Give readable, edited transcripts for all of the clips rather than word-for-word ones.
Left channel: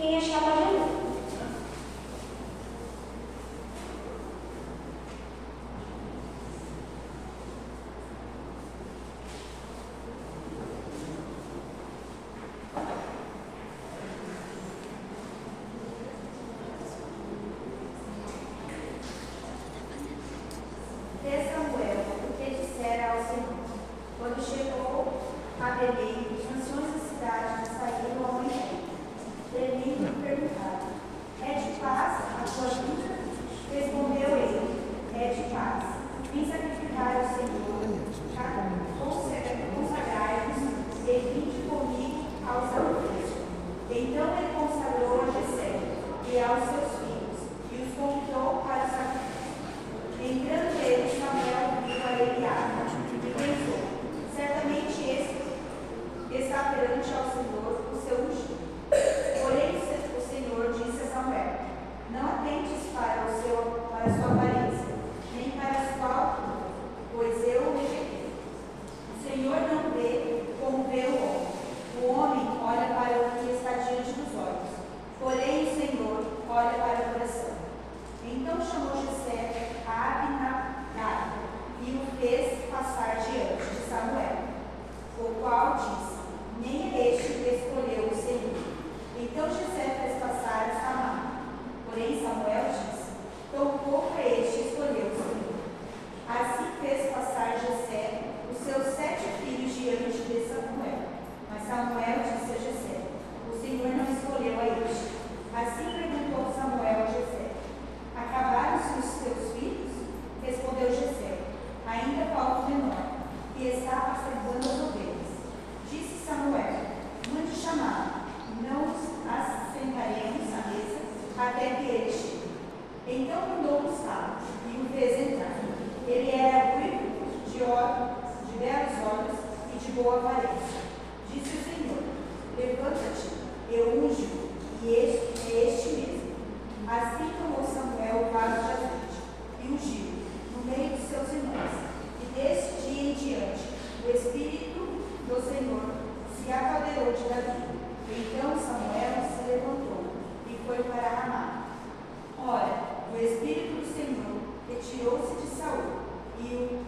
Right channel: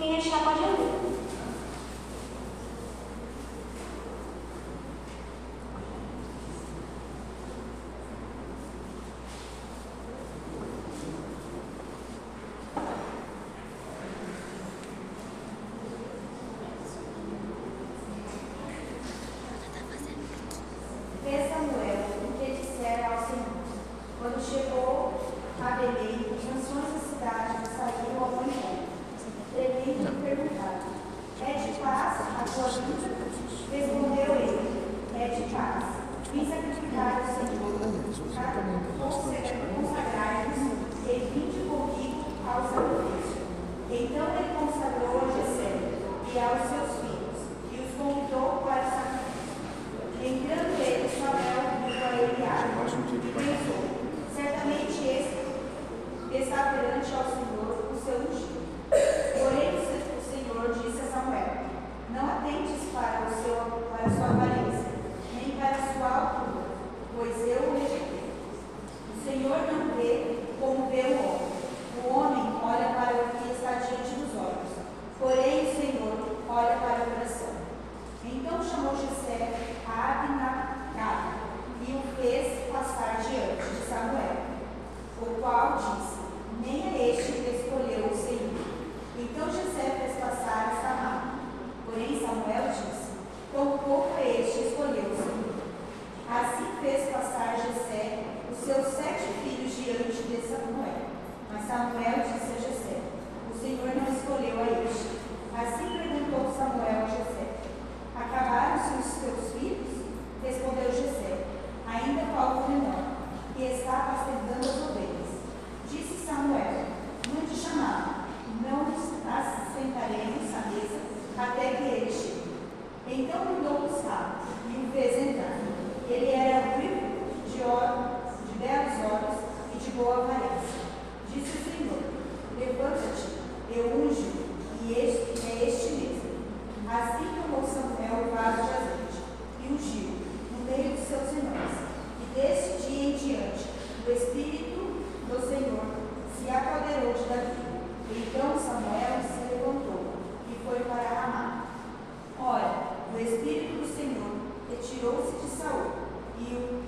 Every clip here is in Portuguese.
Quem achar pode ler. Fez Samuel o que dissera ao Senhor. Quando chegou a Belém, os anciões da cidade saíram ao encontro. Eli lhe perguntaram: é de paz a tua vida? Respondeu ele: é de paz. Vim sacrificar ao Senhor, consagrai-vos e vinde comigo aos altares. Então ele consagrou a Jessé e aos seus filhos e os convidou para o sacrifício. Entrando ele, Samuel viu a Eliabe e pensou: certamente este está perante ao Senhor o seu ungido. Porém o Senhor disse a Samuel: não atentes para a sua aparência, nem para a sua altura, pois eu o rejeitei. O Senhor não vê como vê o homem. O homem olha para o que está diante dos olhos, porém o Senhor olha para o coração. Então chamou Jessé a Abinadab e o fez passar diante de Samuel, o qual disse: nem a este escolheu o Senhor. Então Jessé fez passar a Samar. Porém Samuel disse: tampouco a este escolheu o Senhor. Assim fez passar Jessé os seus 7 filhos diante de Samuel. Mas Samuel disse a Jessé: o Senhor não escolheu a este. Assim perguntou Samuel a Jessé: acabaram-se os teus filhos? Respondeu Jessé: ainda falta o menor, que está apacentando as ovelhas. Disse Samuel: mande chamá-lo, não nos assentaremos à mesa até que ele chegue. Então mandou buscá-lo e o fez entrar. Ele era rico, de belos olhos e de boa aparência. Disse o Senhor: levanta-te, eu unjo, e este é este mesmo. Assim tomou Samuel o vaso de azeite e ungiu no meio de seus irmãos. E desse dia em diante, o Espírito do Senhor se apoderou de Davi. Então Samuel se levantou e foi para Ramá. Ora, o Espírito do Senhor retirou-se de Saul e o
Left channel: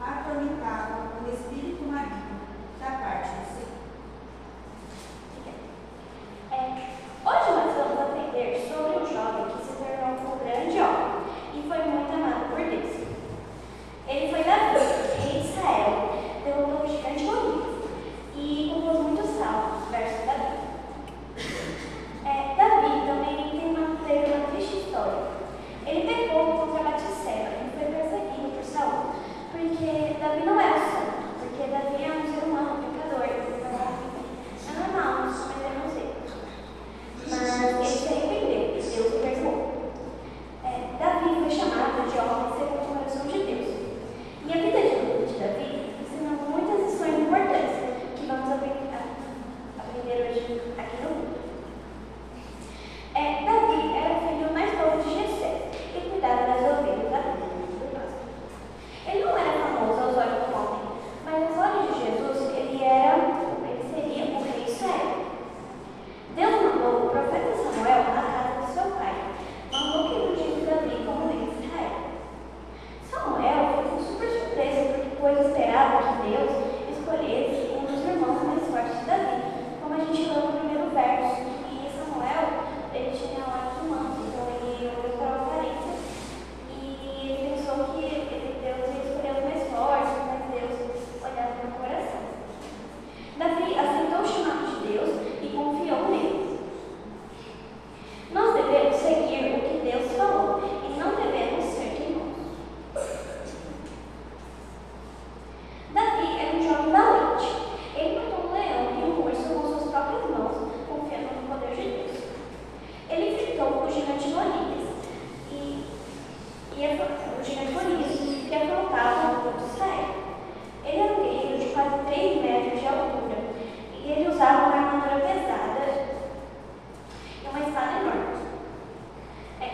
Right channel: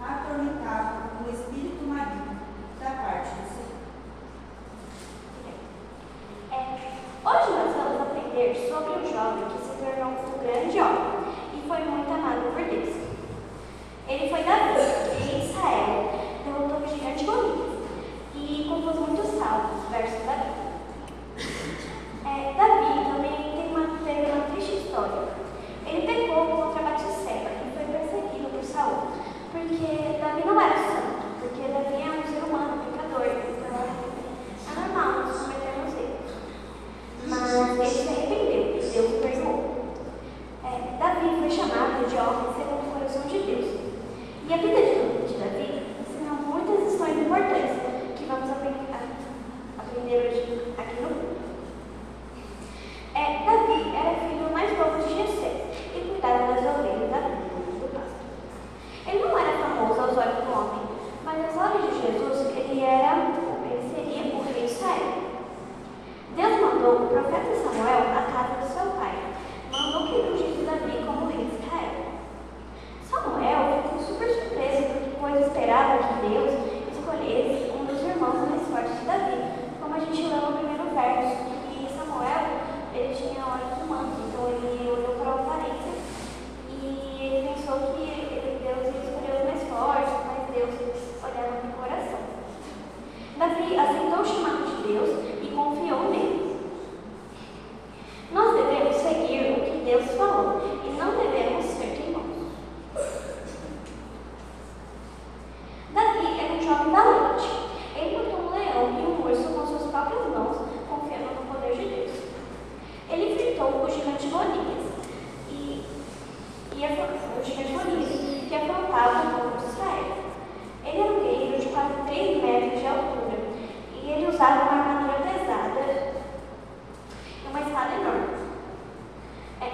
atormentava com o espírito maligno da parte do Senhor. Hoje nós vamos aprender sobre um jovem que se tornou um grande homem e foi muito amado por Deus. Ele foi Davi, e em Israel derrotou o gigante Golias e compôs muitos salmos, versos da Bíblia. Davi também teve uma triste história. Ele pecou contra Batseba e foi perseguido por Saul, porque Davi não era santo, porque Davi é um ser humano, pecador, é normal nós cometemos erros. Mas ele se arrependeu, Deus o perdoou. Davi foi chamado de homem segundo o coração de Deus. E a vida de Davi ensina muitas lições importantes que vamos aprender hoje aqui no mundo. Davi era o filho mais novo de Jessé e cuidava das ovelhas da vida do pasto. Ele não era famoso aos olhos do homem, mas aos olhos de Jesus ele seria o rei de Israel. Deus mandou o profeta Samuel à casa de seu pai. Mandou que ele ungisse Davi como rei de Israel. Samuel ficou super surpreso, pois esperava que Deus escolhesse um dos irmãos mais fortes de Davi, como a gente leu no primeiro verso. E Samuel, ele tinha olhos humanos, então ele olhou para a aparência e ele pensou que Deus ia escolher os mais fortes, mas Deus olhava no coração. Davi aceitou o chamado de Deus e confiou nele. Nós devemos seguir o que Deus falou e não devemos ser teimosos. Davi era um jovem valente. Ele matou um leão e um urso com suas próprias mãos, confiando no poder de Deus. Ele enfrentou o gigante Golias, que afrontava o povo de Israel. Ele era um guerreiro de quase 3 metros de altura e ele usava uma armadura pesada e uma espada enorme.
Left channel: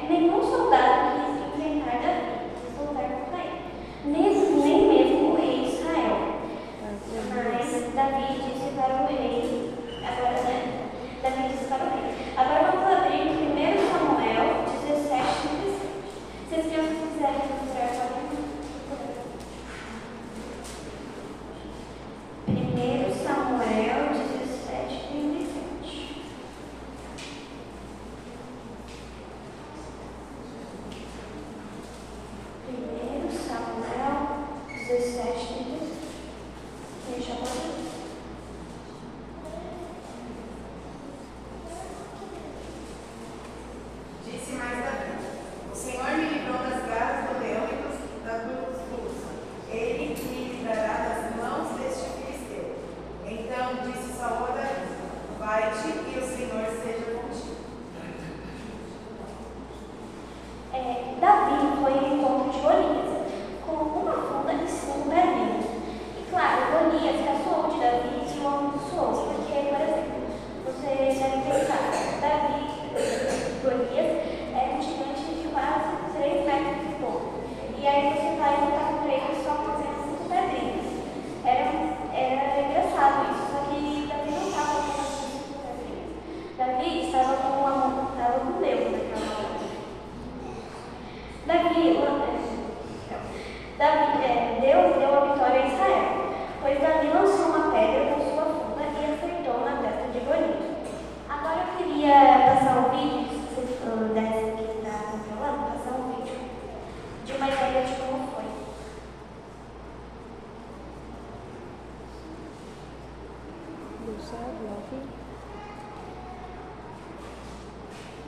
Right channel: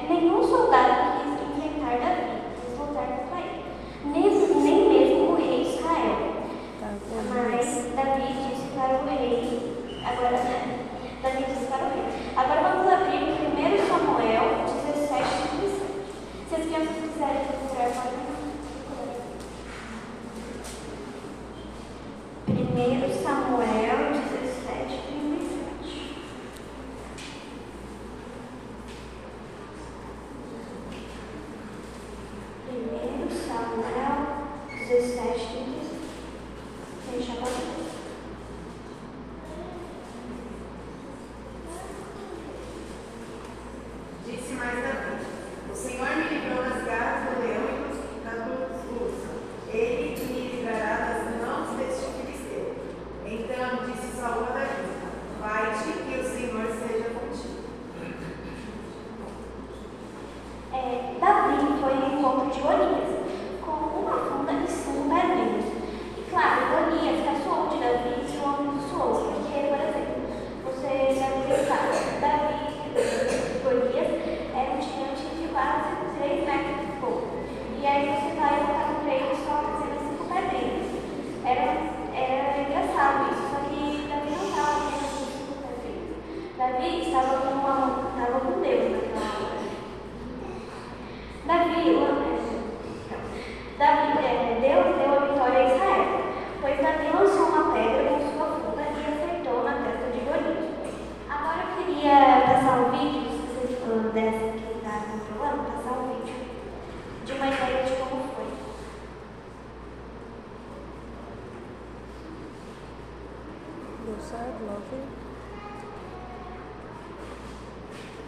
Nenhum soldado quis enfrentar Davi, quis lutar contra ele, nem mesmo o rei de Israel. Mas Davi disse para o rei, agora vamos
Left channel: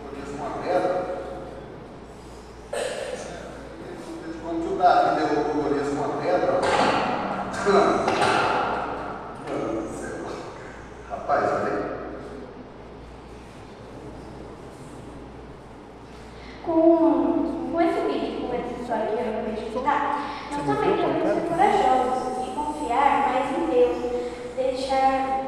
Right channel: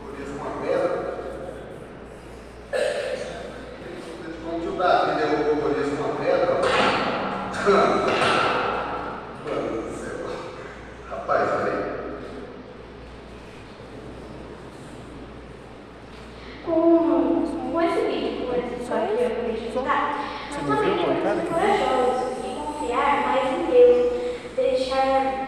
Golias com uma pedra. Como que o Davi derrubou Golias com uma pedra? Rapaz, olha aí. Com esse vídeo, com esse história que eu acabei de contar, nós também temos que ser corajosos e confiar mais em Deus, deixar